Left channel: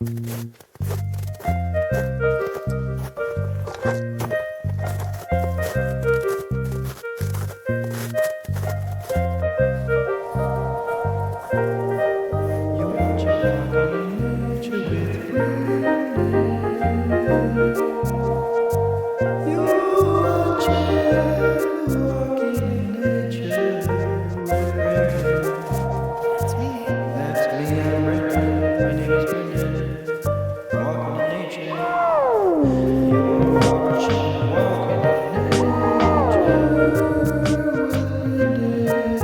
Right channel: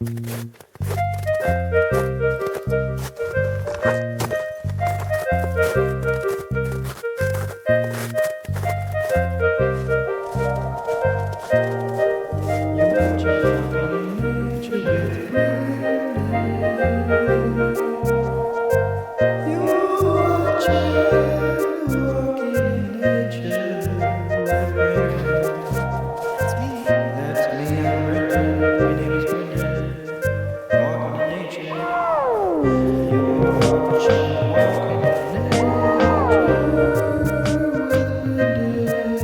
You're watching nature with Bryndon. You're watching walking in nature with Bryndon. That's me. That's me, I'm Bryndon. My name is Bryndon. Walking in nature. You're watching walking in nature with Bryndon.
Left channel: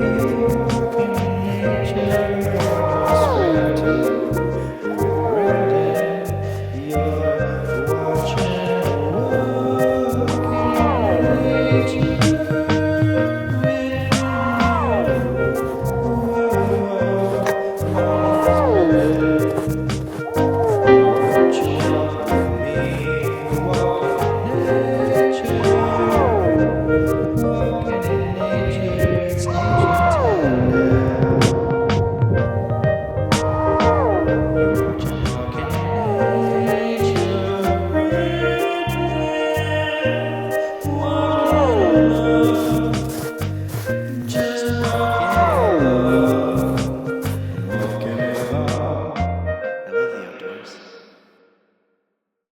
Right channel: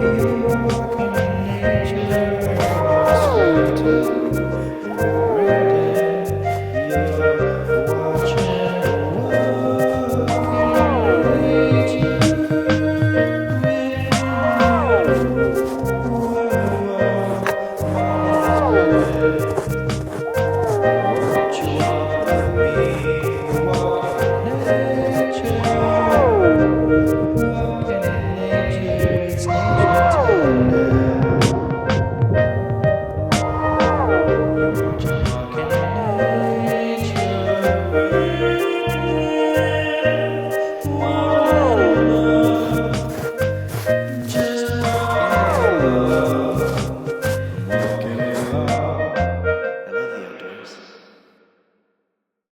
You're walking in nature on your screen too.